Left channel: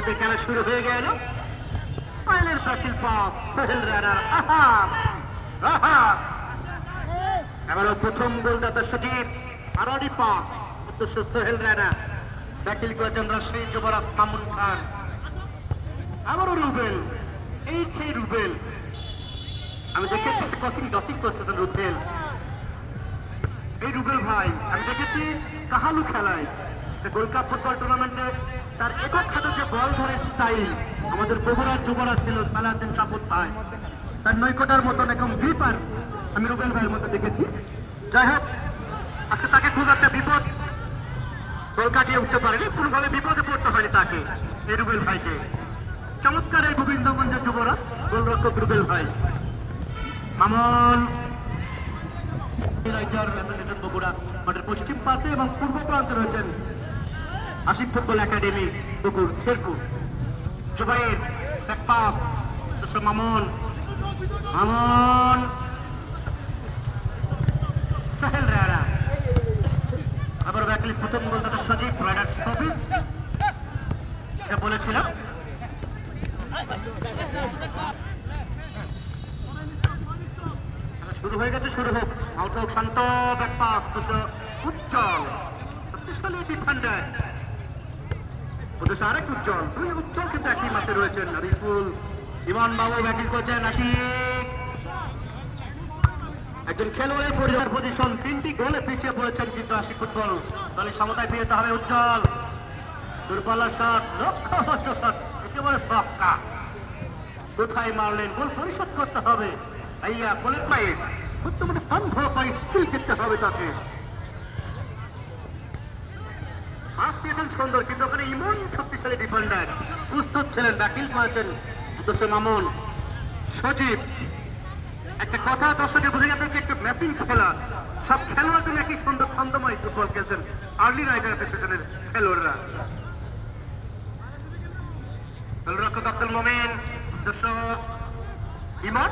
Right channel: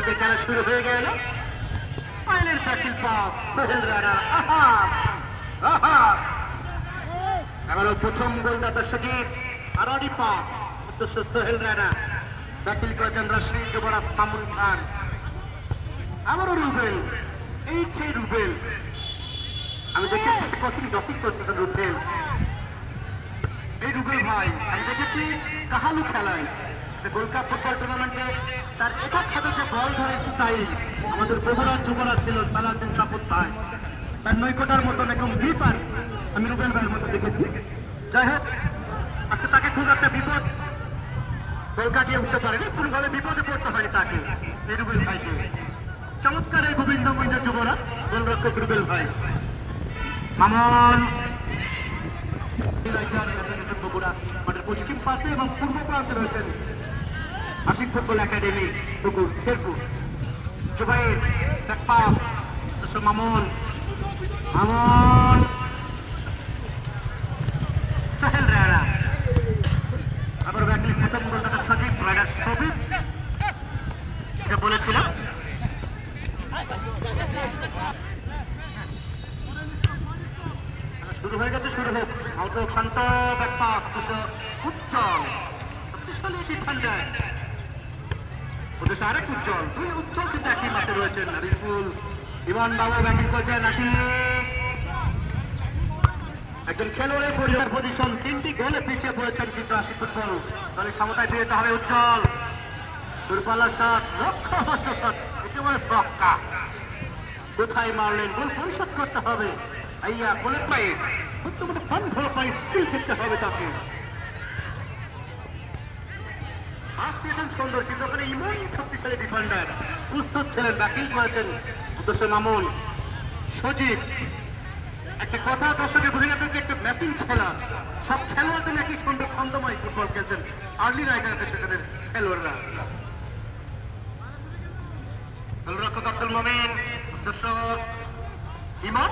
তাদের খেলা শুরু হয়ে গেল। ফাইনাল প্রাচীন পথ সোহেল রানা। এবারও প্রথম গোলদাতা সজীব আরডি পথ উদ্দেশ্য সোহেল রানা। ব্যাটিং করেছেন রাশিদ যুবরাজ মামুন খান। আবারও রুবেল, এই সেই রুবেল। আমি দেখেছি কঠিন ব্যাটিং করতেছেন রুবেল। এই রুবেল ভাই আমি দেখেছি কাহালু খেলায় গোল্ড কাপ ফুটবল টুর্নামেন্টে তার একক হাতে যে বল ধরে স্টাইল আমাদের বগুড়ার যুবরাজ ছিল সালাউদ্দিন কাপুর ভাই। তার নৈকটার মতন একদম ডিপার আমি রুবেল ভাইয়ের মতো দেখেছি। যাই হোক আজকে তাকে খুব একটা বিপদ গোল কাটিয়ে উঠতে পারেনি, কোনোভাবে বিপদে পড়তে হয়নি তাকে। এই রুবেল ভাইকে চমৎকার এই গোবিন্দগঞ্জের যুবরাজ গোলরক্ষক রুবেল ভাই। মামুন বগুড়া মাঠের পশ্চিম পাশে এবং পূর্ব প্রান্তে রয়েছেন আশিক ফুটবল একাডেমি পুকুর শেরপুর। জুবাইর মামুন মামুন সোহেল রানা। আবার ব্যাটিং প্রথম গোলদাতা সজীব রানা। সজীব বলেছিলাম শুরু হয়ে গেছে, শুরু হোক। আউট শান্ত উজ্জ্বল ওদের আরেক উজ্জ্বল, দুই উজ্জ্বল কিন্তু একই মাঠে রয়েছেন। রিফুল ইমান বাবু ব্যাটিং করছেন। একজন খেলোয়াড়ের পরিবার পজিশন, 3টি গোলে পিছিয়ে পড়েছেন কিন্তু আশিক ফুটবল দলের সমতায় ফিরতে হবে। উজ্জ্বল দূরপাল্লার শট, লক্ষ্য শট, একেবারে ছক্কা। কোথায় মারলেন, গোল পরিশোধ করতে হবে। আইয়া গোলের পায়ে বর্তমানে বন্ধ পায়ে স্কুল খেতে হবে তাকে। সুন্দর কিন্তু ওখানে ইমন শক্তিশালী ডিফেন্ডার প্রস্তুত ছিলেন, ব্যাটিং করেছেন উদ্দেশ্য মামুন। সজীব একটা কথা দর্শকে বুঝে যাবে কি একটা ম্যাচিং খেলা, সব খেলোয়াড় তুমি একই সুন্দর ছন্দময় ফুটবল খেলছেন আর্লি রাইডার সেখানের খেলোয়াড়রা। গোলরক্ষক আব্দুল মোমিন, উদ্দেশ্য ইমন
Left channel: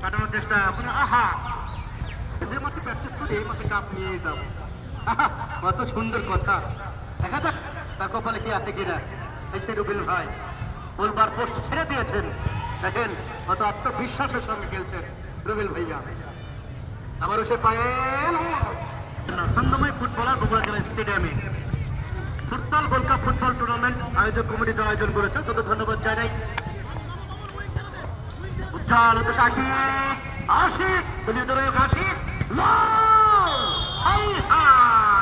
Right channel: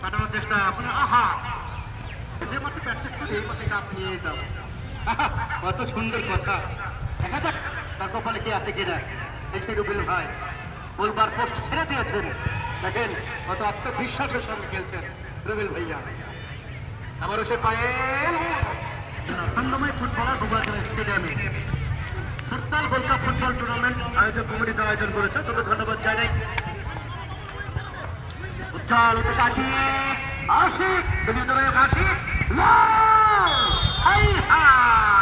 কাটানোর চেষ্টা। যে মাঠে প্র্যাকটিস করি এই মাঠে কাপ নিয়ে যাবো। কত সুন্দর কথা, দেখা যাক তার কপালে কি আছে কিনা। এই রুবেল ভাই বলবার পোস্ট ছেড়ে দিয়েছেন, দেখেন কত আত্মবিশ্বাসের সঙ্গে খেলছেন রুবেল ভাইয়া। আবারও সে পায়ে ছন্দময় ফুটবলার বগুড়া জেলা স্টেডিয়ামে football gold cup football tournament আয়োজক কমিটিতে আয়োজন করেছে, তাদের ধন্যবাদ জানাই। উজ্জ্বল আশিক আশিক আশিক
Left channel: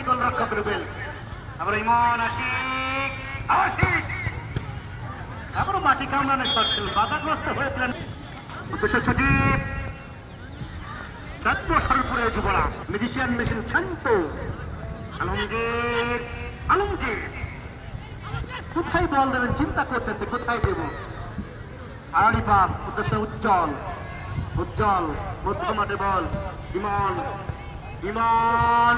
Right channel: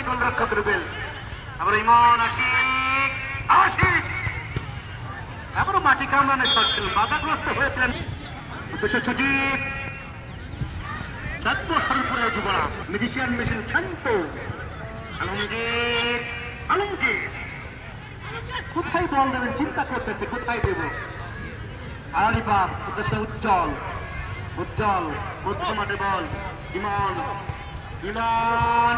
গোলরক্ষক রুবেল। আবার ইমন আশিক আশিক এবারও মাটি কামড়ানোর শট ছিল, বাধাগ্রস্ত হয়েছিলেন উদ্দেশ্য সজীব। শান্তপুরের যুবরা ম্যাজিশিয়ান মেশিন শান্ত। আলমগীর আলমগীর কোথায় বল দেবেন চিন্তা করতেছে, কোথায় দেব। আলিবাব উদ্দেশ্য উজ্জ্বল। উজ্জ্বল মধ্য মাঠে বল। ইমন ইমন